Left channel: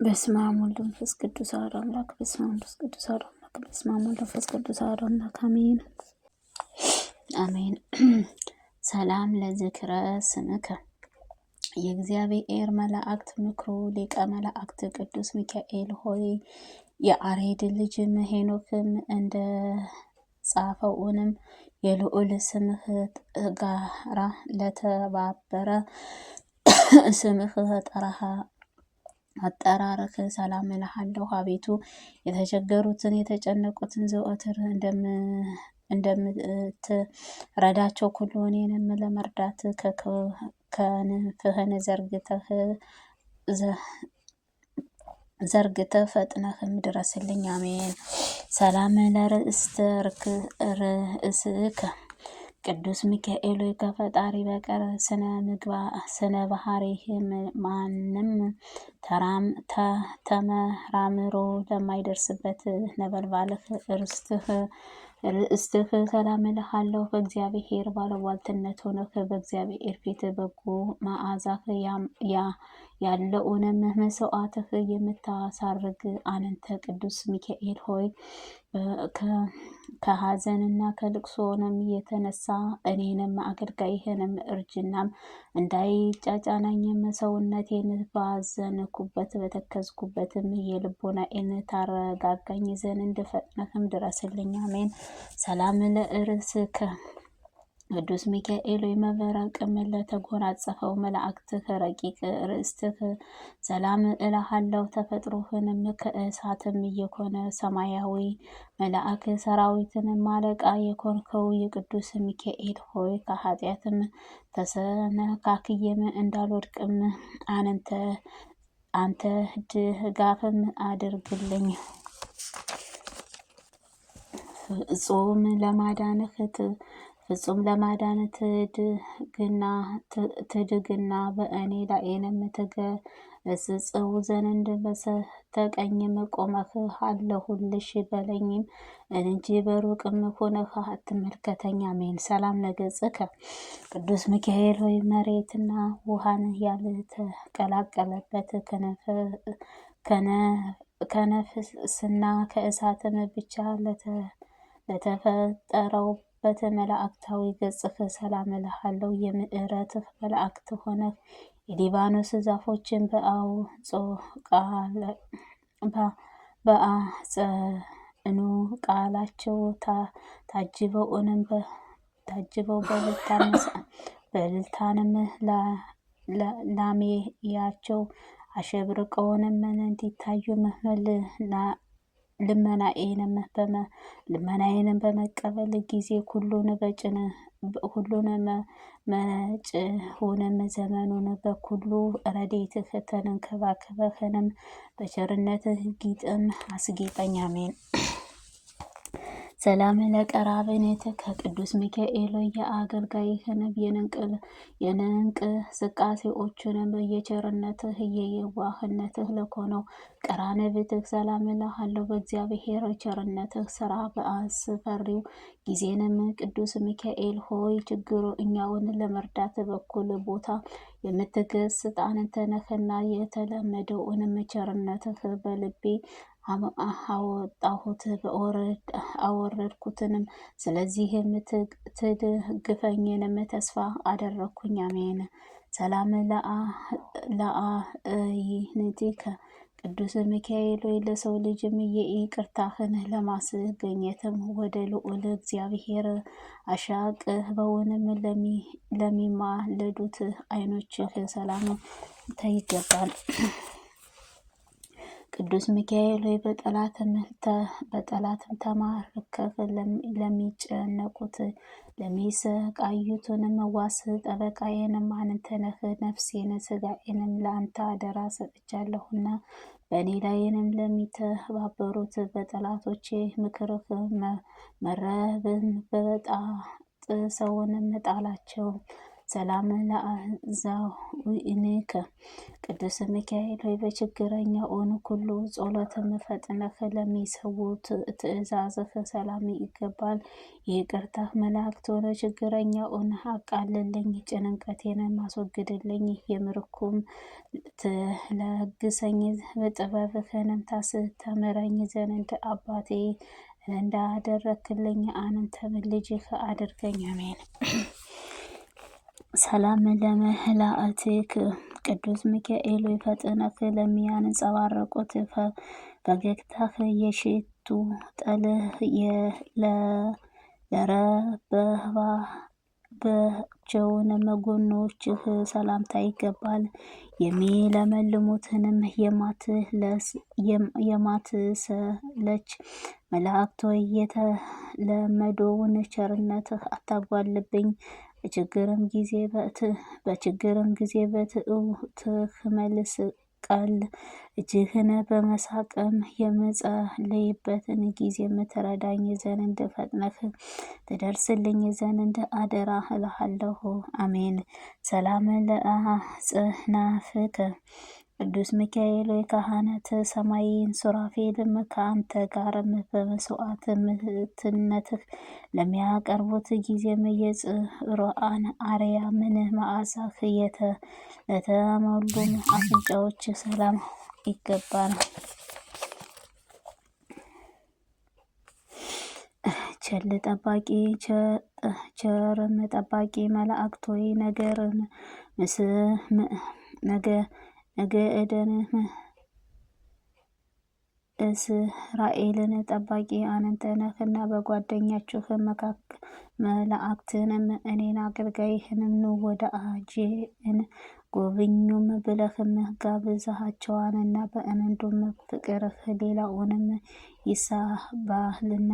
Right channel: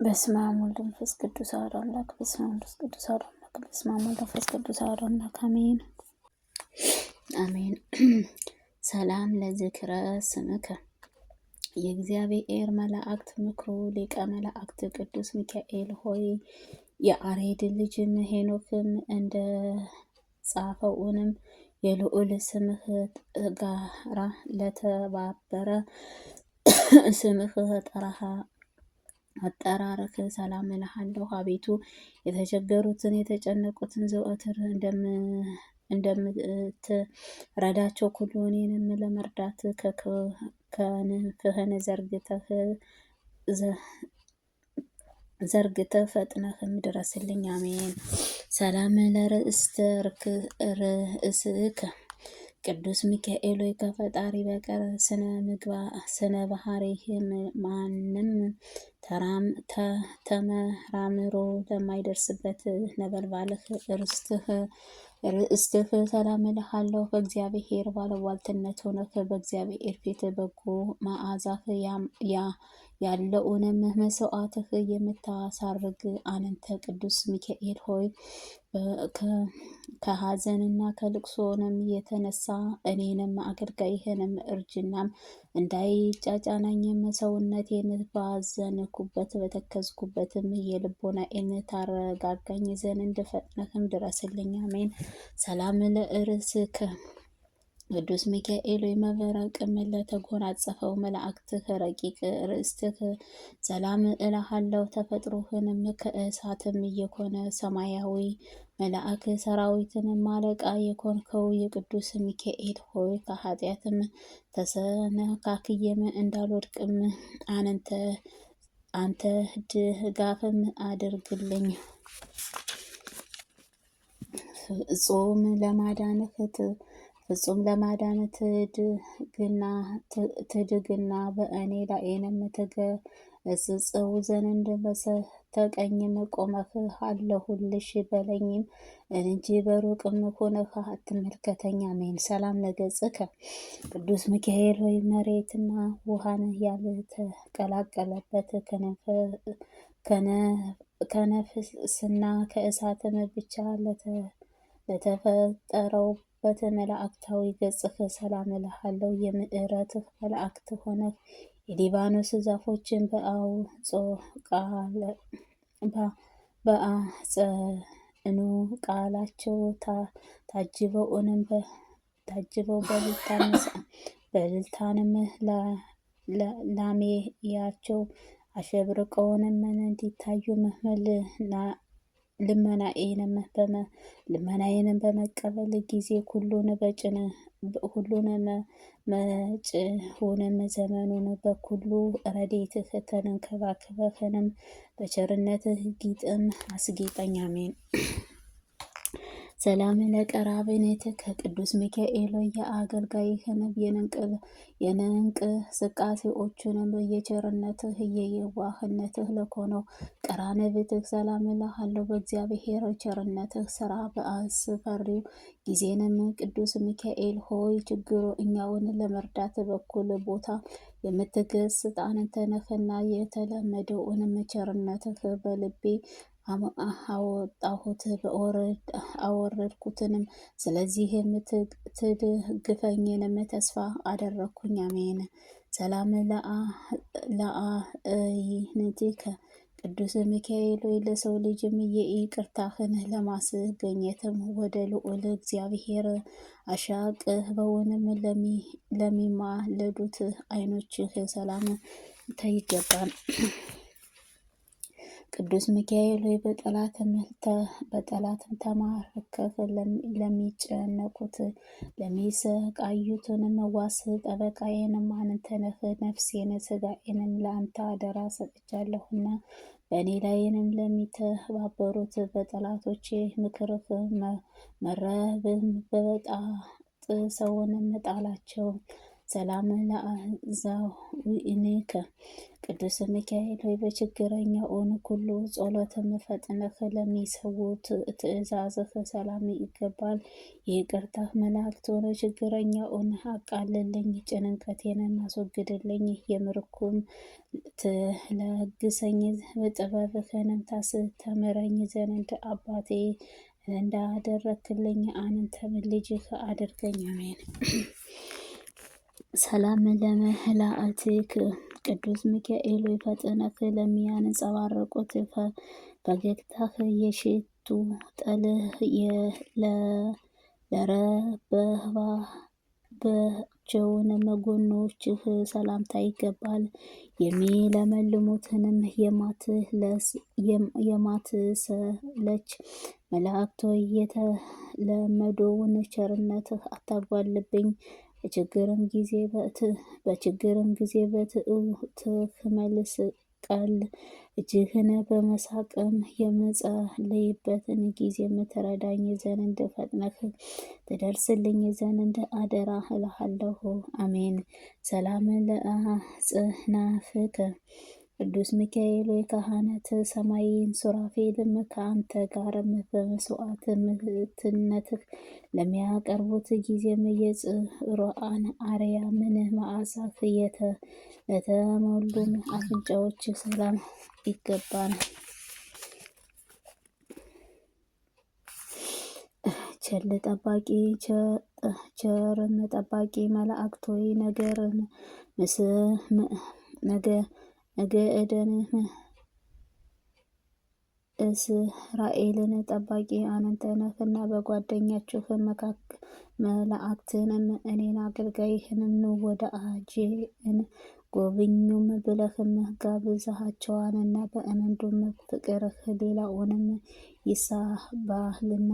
በስመ አብ ወወልድ ወመንፈስ ቅዱስ አሐዱ አምላክ። በስመ አብ ወመንፈስ ቅዱስ አሐዱ አምላክ። በስመ አብ ወወልድ ወመንፈስ ቅዱስ አሐዱ አምላክ። አሜን አሜን። ሰላም ለዝክረ ስምከ የእግዚአብሔር መላእክት ምክሩ ሊቀ መላእክት ቅዱስ ሚካኤል ሆይ የአሬድ ልጅም ሄኖክም እንደ ጻፈውንም የልዑል ስምህ ጋራ ለተባበረ ስምህ ጠራሃ አጠራርህ ሰላም እልሃለሁ። አቤቱ የተቸገሩትን የተጨነቁትን ዘወትር እንደምትረዳቸው ሁሉ እኔንም ለመርዳት ከክንፍህን ዘርግተህ ፈጥነህም ድረስልኝ። አሜን። ሰላም ርእስከ ቅዱስ ሚካኤል ሆይ ከፈጣሪ በቀር ስነ ባህሪህ ማንም ተመራምሮ ለማይደርስበት ነበልባልህ ርእስትህ ሰላም እልሃለሁ። በእግዚአብሔር ባለሟልትነት ሆነህ በእግዚአብሔር ፊት በጎ መዓዛህ ያለውንም መስዋዕትህ የምታሳርግ አንተ ቅዱስ ሚካኤል ሆይ ከሐዘንና ከልቅሶንም የተነሳ እኔንም አገልጋይህንም እርጅናም እንዳይጫጫናኝም ሰውነቴን ባዘንኩበት በተከዝኩበትም የልቦናዬን ታረጋጋኝ ዘንድ ፈጥነህም ድረስልኝ። አሜን። ሰላም ለርእስከ ቅዱስ ሚካኤል ሆይ መብረቅም ለተጎናጸፈው መላእክትህ ረቂቅ ርእስትህ ሰላም እልሃለሁ። ተፈጥሮህንም ከእሳትም የኮነ ሰማያዊ መልአክ ሰራዊትንም አለቃ የኮንከው የቅዱስ ሚካኤል ሆይ ከኃጢአትም ተሰነካክየም እንዳልወድቅም አንተ ድጋፍም አድርግልኝ። ፍጹም ለማዳንህ ትድግና በእኔ ላይንም ትገስጸው ዘንድ በስተቀኝም ቆመህ አለሁልሽ በለኝም እንጂ በሩቅም ሆነህ አትመልከተኝ። አሜን። ሰላም ለገጽከ ቅዱስ ሚካኤል ሆይ መሬትና ውሃን ያልተቀላቀለበት ከነፍስና ከእሳትም ብቻ ለተፈጠረውበት መላእክታዊ ገጽህ ሰላም እልሃለሁ። የምዕረትህ መላእክት ሆነህ የሊባኖስ ዛፎችን በአጸኑ ቃላቸው ታጅበው በልልታንም ላሜያቸው አሸብርቀውንም እንዲታዩም ልመናዬንም በመቀበል ጊዜ ሁሉንም መጪውንም ዘመኑን በኩሉ ረድኤትህ ተንከባከበህንም በቸርነትህ ጊጥም አስጌጠኝ። አሜን። ሰላም ለቀራብኔት ከቅዱስ ሚካኤል የአገልጋይህን የእንቅስቃሴዎቹንም የቸርነትህ የየዋህነትህ ለኮነው ቀራንብትህ ሰላም እልሃለሁ። በእግዚአብሔር ቸርነትህ ስራ በአስፈሪው ጊዜንም ቅዱስ ሚካኤል ሆይ ችግረኛውን ለመርዳት በኩል ቦታ የምትገስጥ አንተ ነህና የተለመደውንም ቸርነትህ በልቤ አወጣሁት አወረድኩትንም። ስለዚህም ትድግፈኝንም ተስፋ አደረግኩኝ። አሜን። ሰላም ለአዕይንቲከ ቅዱስ ሚካኤል ሆይ ለሰው ልጅም የይቅርታህን ለማስገኘትም ወደ ልዑል እግዚአብሔር አሻቅበውንም ለሚማለዱት ዓይኖችህ ሰላም ይገባል። ቅዱስ ሚካኤል ሆይ በጠላትም ተማርከህ ለሚጨነቁት ለሚሰቃዩትንም ዋስ ጠበቃዬንም አንተ ነህ። ነፍሴን ስጋዬንም ለአንተ አደራ ሰጥቻለሁና በእኔ ላይንም ለሚተባበሩት በጠላቶቼ ምክርህ መረብን በበጣጥሰውንም ጣላቸው። ሰላም ለአዕዛዊንከ ቅዱስ ሚካኤል ሆይ በችግረኛውን ሁሉ ጸሎትም ፈጥነህ ለሚሰዉት ትእዛዝህ ሰላም ይገባል። የይቅርታህ መላእክት ሆነ ችግረኛውን አቃልልኝ፣ ጭንቀቴን ማስወግድልኝ፣ የምርኩም ትለግሰኝ፣ በጥበብህንም ታስተምረኝ ዘንድ አባቴ እንዳደረክልኝ አንተም ልጅህ አድርገኝ። አሜን። ሰላም ለመላእክትክ ቅዱስ ሚካኤል ፈጥነህ ለሚያንጸባርቁት ፈገግታህ የሽቱ ጠልህ ለረበባቸውን ጎኖችህ ሰላምታ ይገባል። የሚለመልሙትንም የማትሰለች መላእክት ሆይ የተለመደውን ቸርነትህ አታጓልብኝ። በችግርም ጊዜ በትዕውትህ መልስ ቃል እጅህን በመሳቅም የምጸልይበትን ጊዜ የምትረዳኝ ዘንድ ፈጥነህ ትደርስልኝ ዘንድ አደራ እልሃለሁ። አሜን። ሰላም ለአጽናፍከ ቅዱስ ሚካኤል ካህናተ ሰማይን ሱራፌልም ከአንተ ጋርም በመስዋዕትነትህ ለሚያቀርቡት ጊዜም የጽሩዓን አርያምን መዓዛህ ለተሞሉም አፍንጫዎች ሰላም ይገባል። ቸርም ጠባቂ መላእክት ሆይ ነገእደን እስራኤልን ጠባቂ አንተ ነህና በጓደኛችሁ መካከል መላእክትንም እኔን አገልጋይህንም ኑ ወዳጄን ጎብኙም ብለህም ጋብዘሃቸዋልና በእንዱም ፍቅርህ ሌላውንም ይሳባልና።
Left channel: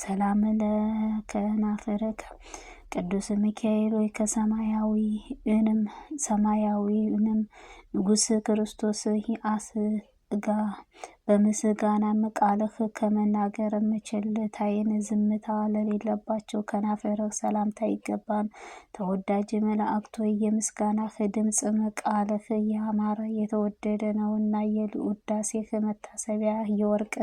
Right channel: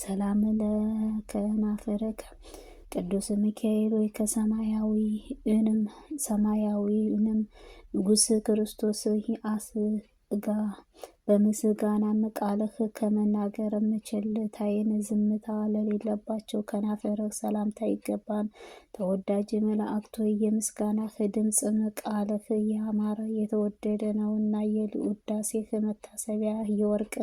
ሰላም ለከናፍርከ ቅዱስ ሚካኤል ሆይ ሰማያዊውንም ንጉሥ ክርስቶስ አስጋ በምስጋናም ቃልህ ከመናገርም ቸልታዬን ዝምታ ለሌለባቸው ከናፍርህ ሰላምታ ይገባል። ተወዳጅ መላእክት ሆይ የምስጋናህ ድምፅም ቃልህ ያማረ የተወደደ ነውና የውዳሴህ መታሰቢያ የወርቅ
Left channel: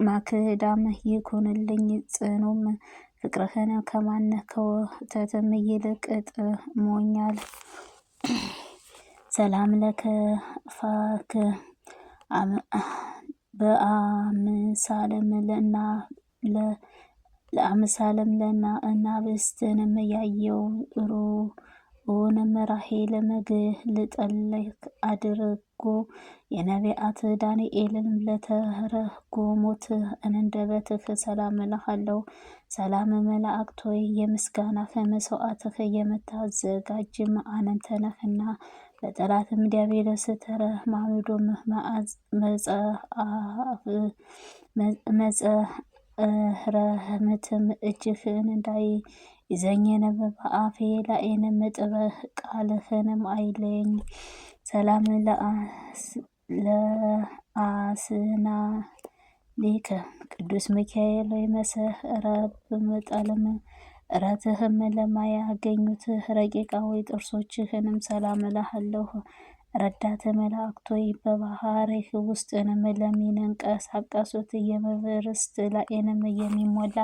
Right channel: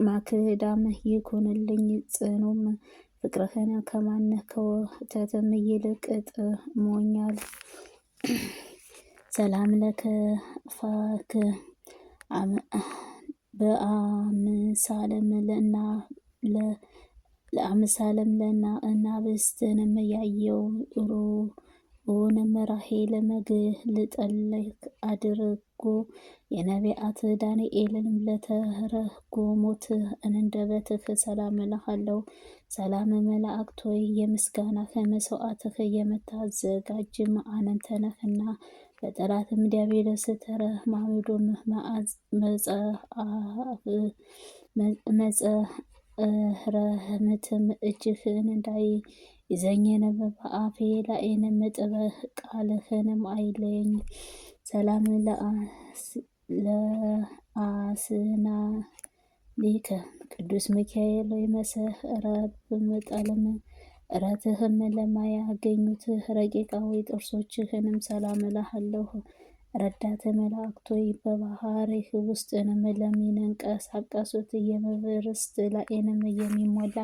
ማክዳም ይኩንልኝ። ጽኑም ፍቅርህን ከማን ከወተትም ይልቅ ጥሞኛል። ሰላም ለከፋክ በአምሳለም ለእናብስትንም ያየው ሩንም ራሔልም ግልጥልክ አድርጎ የነቢያት ዳንኤልን ለተረጎሙት አንደበትህ ሰላም እልሃለሁ። ሰላም መላእክት ሆይ የምስጋናህ መስዋዕትህ የምታዘጋጅም አንተ ነህና በጠላትም ዲያብሎስ ተረማምዶም መጽረህምትም እጅህን እንዳይዘኝንም በአፌ ላይንም ጥበህ ቃልህንም አይለኝ። ሰላም ለአስናሊከ ቅዱስ ሚካኤል ሆይ መሰረብም ጠልም እረትህም ለማያገኙት ረቂቃዊ ጥርሶችህንም ሰላም እልሃለሁ። ረዳት መላእክት ሆይ በባህርህ ውስጥንም ለሚንቀሳቀሱት የመብርስት ላይንም የሚሞላ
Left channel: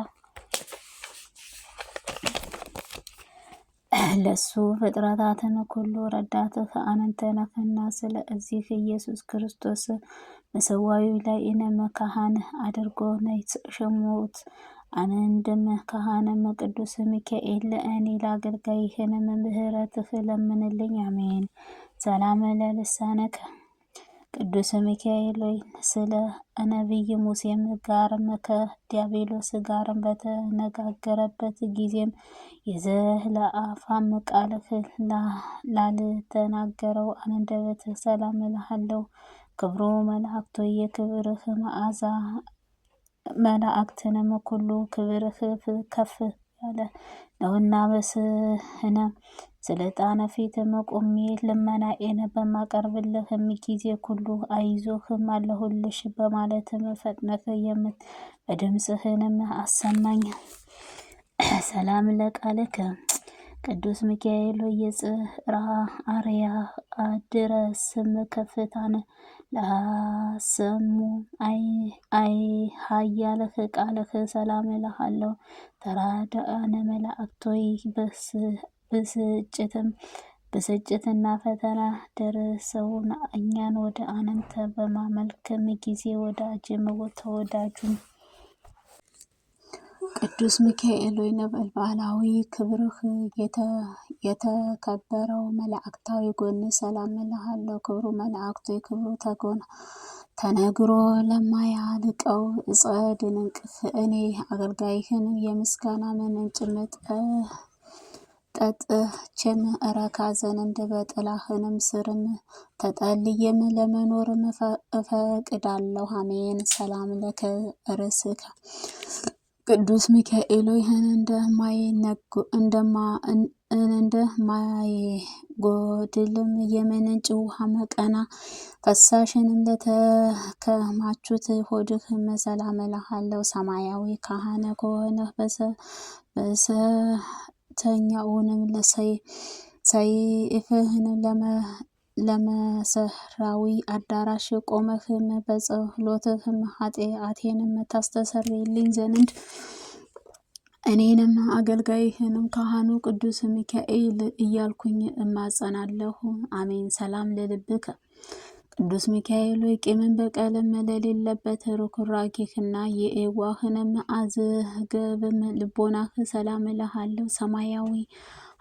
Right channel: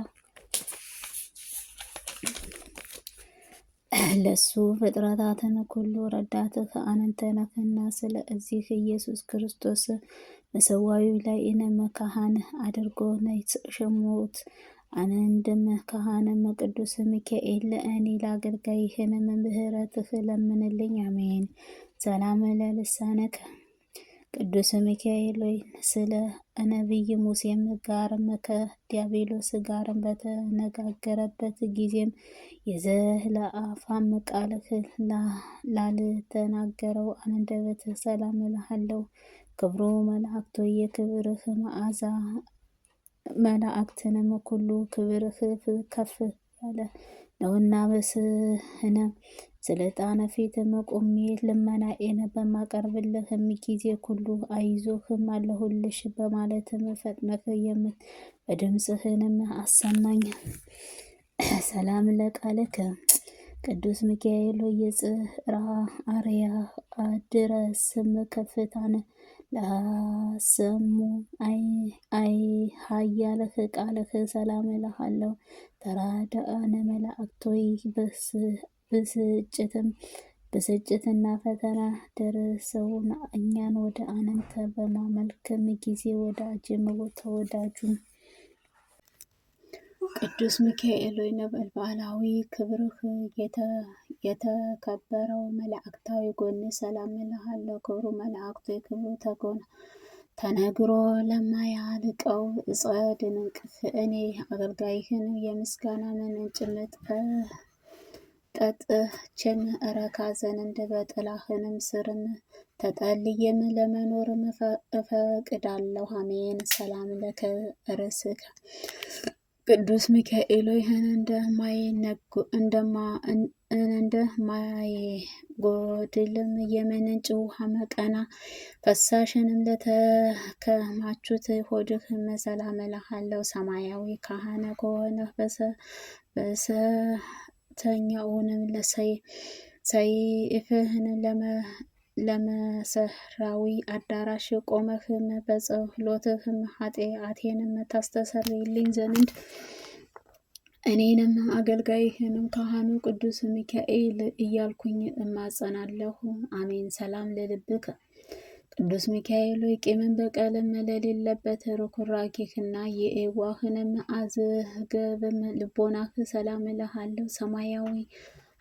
ለሱ ፍጥረታትን ሁሉ ረዳትህ አንተ ነህና ስለዚህ ኢየሱስ ክርስቶስ በሰዋዩ ላይንም ካህን አድርጎ ሾሞት። አንድም ካህንም ቅዱስ ሚካኤል ለእኔ ለአገልጋይህንም ምህረትህ ለምንልኝ። አሜን። ሰላም ለልሳነከ ቅዱስ ሚካኤል ሆይ ስለ ነቢይ ሙሴም ጋርም ከዲያብሎስ ጋርም በተነጋገረበት ጊዜም የዘለአፋም ቃልህ ላልተናገረው አንደበትህ ሰላም እልሃለሁ። ክብሩ መላእክት ሆይ የክብርህ መዓዛ መላእክትንም ሁሉ ክብርህ ከፍ ያለ ነውና በስህነ ስልጣነ ፊትም ቆሜ ልመናዬን በማቀርብልህም ጊዜ ሁሉ አይዞህም አለሁልሽ በማለትም ፈጥነህ በድምፅህንም አሰማኝ። ሰላም ለቃልከ ቅዱስ ሚካኤል የጽራ አርያ አድረስም ከፍታነ ለሰሙ አይ ሀያለህ ቃልህ ሰላም እልሃለሁ። ተራዳአነ መላእክቶይ ብስጭትና ፈተና ደርሰውና እኛን ወደ አንተ በማመልከም ጊዜ ወዳጅም ተወዳጁም ቅዱስ ሚካኤል ሆይ ነበልባላዊ ክብርህ የተከበረው መላእክታዊ ጎን ሰላም እልሃለሁ። ክብሩ መላእክቶይ ክብሩ ተነግሮ ለማያልቀው እፀ ድንቅፍ እኔ አገልጋይህን የምስጋና ምንጭ ጠጥቼም እረካ ዘንድ በጥላህንም ስርም ተጠልዬም ለመኖርም እፈቅዳለሁ። አሜን። ሰላም ለከ ርእስከ ቅዱስ ሚካኤል ሆይ እንደማይጎድልም የምንጭ ውሃ መቀና ፈሳሽንም ለተከማቹት ሆድህም ሰላም እልሃለሁ። ሰማያዊ ካህን ከሆነህ በሰተኛውንም ሰይፍህንም ለመሰራዊ አዳራሽ ቆመህም በጸሎትህም ኃጢአቴንም ታስተሰርይልኝ ዘንድ እኔንም አገልጋይህንም ካህኑ ቅዱስ ሚካኤል እያልኩኝ እማጸናለሁ። አሜን። ሰላም ለልብከ ቅዱስ ሚካኤል ሆይ ቂምን በቀልም ለሌለበት ርኩራኬህና የኤዋህንም አዝገብም ልቦናህ ሰላም እልሃለሁ። ሰማያዊ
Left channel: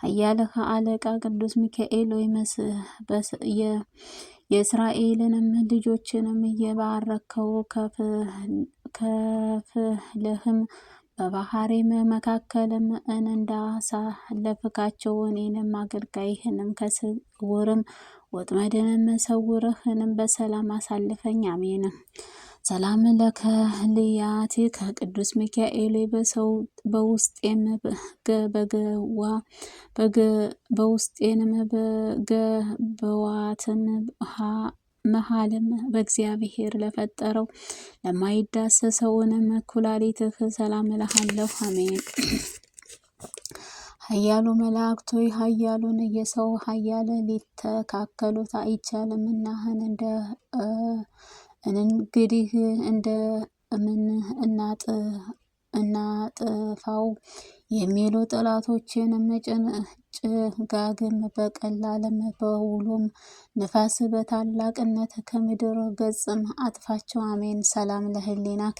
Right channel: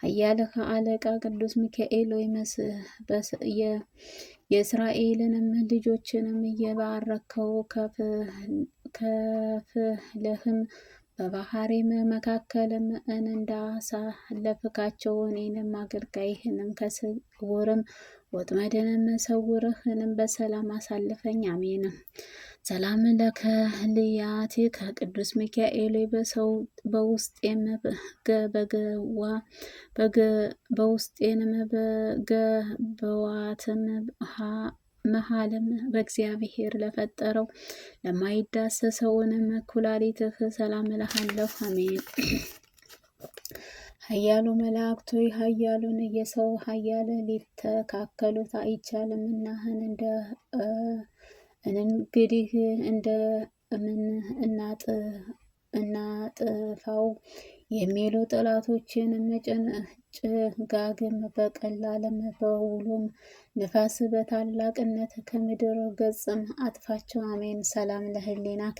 ኃያልህ አለቃ ቅዱስ ሚካኤል ሆይ የእስራኤልንም ልጆችንም እየባረከው ከፍልህም በባህሬም መካከልም እንዳሳለፍካቸው እኔንም አገልጋይህንም ከስውርም ወጥመድንም ሰውረህንም በሰላም አሳልፈኝ። አሜን። ሰላም ለከልያቲ ከቅዱስ ሚካኤል በውስጤንም በገበዋትም መሃልም በእግዚአብሔር ለፈጠረው ለማይዳሰሰውንም ኩላሊትህ ሰላም እልሃለሁ። አሜን። ኃያሉ መላእክቶይ ኃያሉን የሰው ኃያል ሊተካከሉት አይቻልምና እንግዲህ እንደምን እናጥፋው የሚሉ ጠላቶችንም ጭጋግም በቀላልም በውሎም ንፋስ በታላቅነት ከምድር ገጽም አጥፋቸው። አሜን። ሰላም ለህሊናከ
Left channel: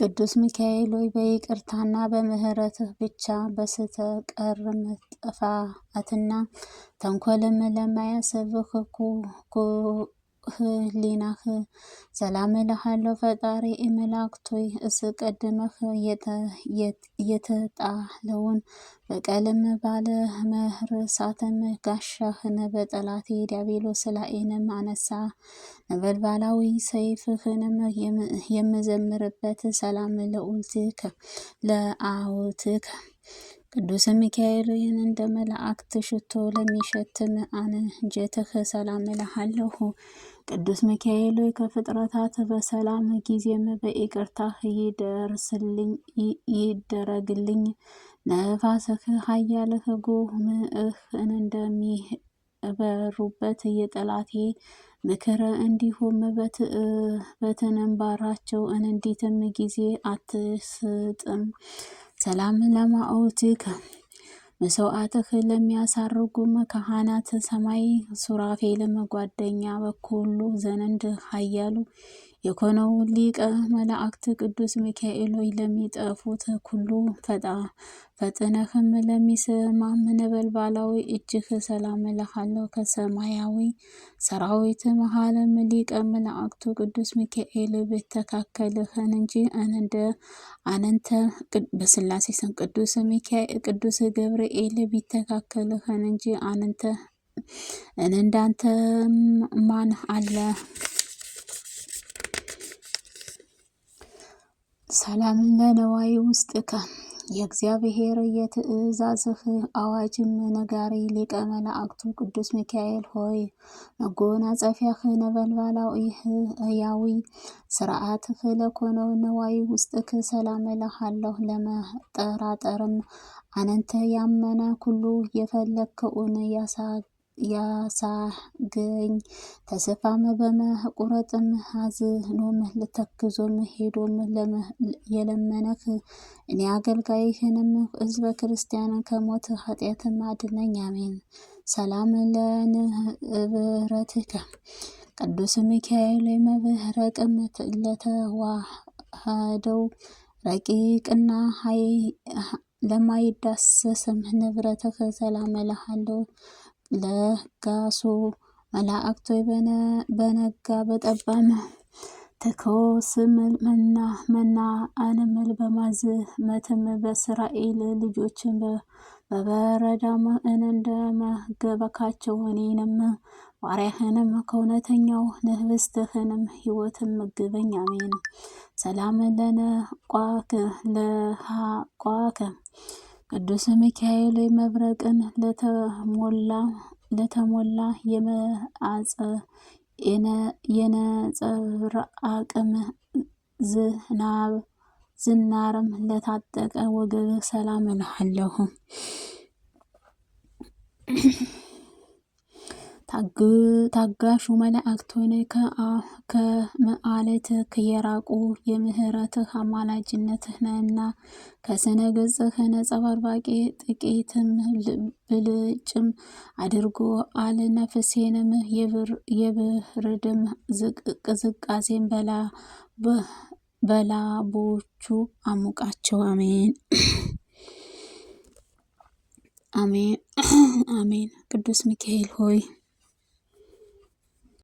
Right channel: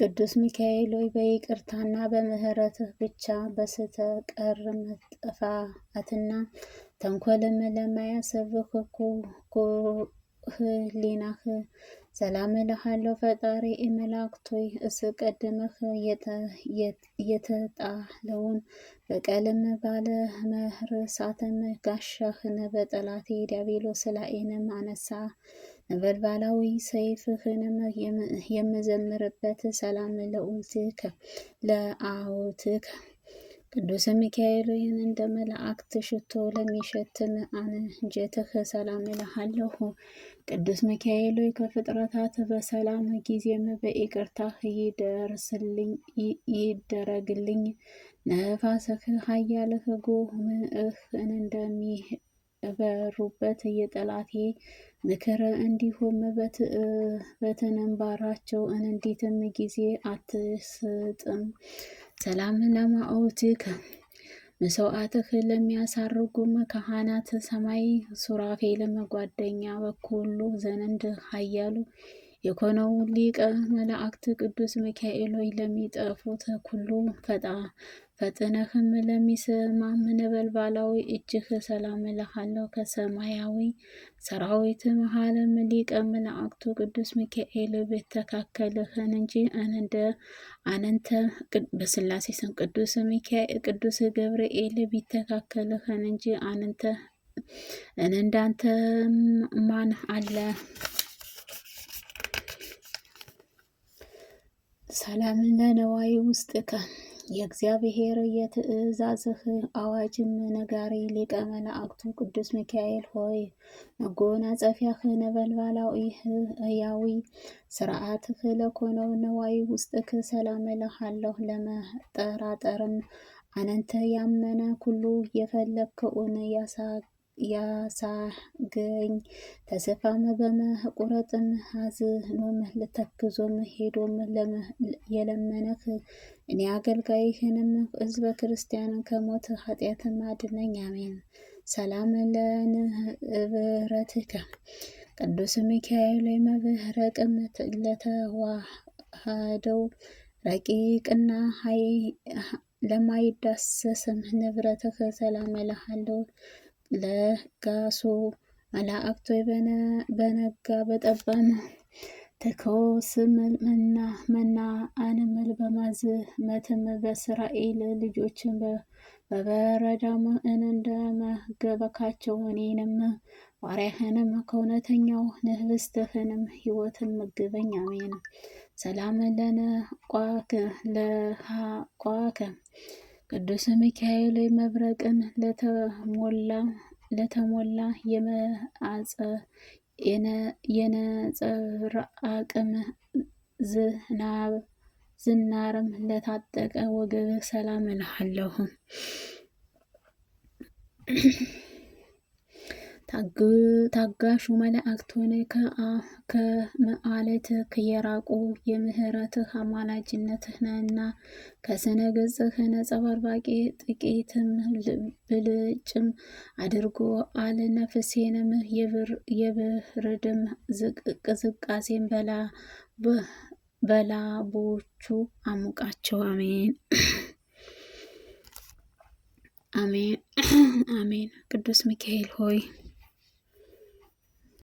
ቅዱስ ሚካኤል ሆይ በይቅርታና በምህረትህ ብቻ በስተቀርም ጥፋትና ተንኮልም ለማያስብህ ህሊናህ ሰላም እልሃለሁ። ፈጣሪ መላእክቶይ እስቀድመህ የተጣለውን በቀልም ባለ መርሳትም ጋሻህን በጠላቴ ዲያብሎስ ላይንም አነሳ። ነበልባላዊ ሰይፍህንም የምዘምርበት ሰላም ለአውትከ ቅዱስ ሚካኤል እንደ መላእክት ሽቶ ለሚሸትም አንጀትህ ሰላም እልሃለሁ። ቅዱስ ሚካኤል ከፍጥረታት በሰላም ጊዜም በይቅርታህ ይደረግልኝ። ነፋስህ ኃያልህ ጉምህ እንደሚበሩበት የጠላቴ ምክር እንዲሁም በትንባራቸው እንዲትም ጊዜ አትስጥም። ሰላም ለማኦትከ መስዋዕትህ ለሚያሳርጉም ካህናት ሰማይ ሱራፌልም ጓደኛ በኩሉ ዘንድ ኃያሉ የኮነው ሊቀ መላእክት ቅዱስ ሚካኤል ሆይ ለሚጠፉት ሁሉ ፈጥነህም ለሚሰማም ነበልባላዊ እጅህ ሰላም እልሃለሁ። ከሰማያዊ ሰራዊት መሃልም ሊቀ መላእክቱ ቅዱስ ሚካኤል ቢተካከልህን እንጂ አንተ በስላሴ ስም ቅዱስ ገብርኤል ቢተካከልህን እንጂ እንዳንተ ማን አለ? ሰላም ለነዋይ ውስጥከ የእግዚአብሔር የትእዛዝህ አዋጅም ነጋሪ ሊቀ መላእክቱ ቅዱስ ሚካኤል ሆይ መጎናጸፊያህ ነበልባላዊ ሕያዊ ስርዓትህ ለኮነው ነዋይ ውስጥክ ሰላም እልሃለሁ። ለመጠራጠርም አነንተ ያመነ ኩሉ የፈለግከውን ያሳገኝ ተስፋም በመቁረጥም አዝኖም ልተክዞም ሄዶም የለመነህ እኔ አገልጋይህንም ሕዝበ ክርስቲያንን ከሞት ኃጢአትም አድነኝ። አሜን። ሰላም ለንብረትከ ቅዱስ ሚካኤል መብረቅም ለተዋህደው ረቂቅና ለማይዳሰስም ንብረትህ ሰላም እልሃለሁ። ለጋሱ መላእክቶ በነጋ በጠባም ተኮስም መና አንምል በማዝመትም በእስራኤል ልጆችን በበረዳም እንደመገበካቸው እኔንም ባሪያህንም ከእውነተኛው ንህብስትህንም ሕይወትን ምግበኝ። አሜን። ሰላም ለሃቋከ ቅዱስ ሚካኤል መብረቅን ለተሞላ የነጸብራቅም ዝናርም ለታጠቀ ወገብህ ሰላም እልሃለሁ። ታጋሹ መላእክት ሆነ ከመዓልትህ የራቁ የምህረትህ አማላጅነትህ ነህና ከስነ ገጽህ ነጸባራቂ ጥቂትም ብልጭም አድርጎ አለ ነፍሴንም የብርድም ቅዝቃዜን በላቦቹ አሙቃቸው። አሜን አሜን አሜን። ቅዱስ ሚካኤል ሆይ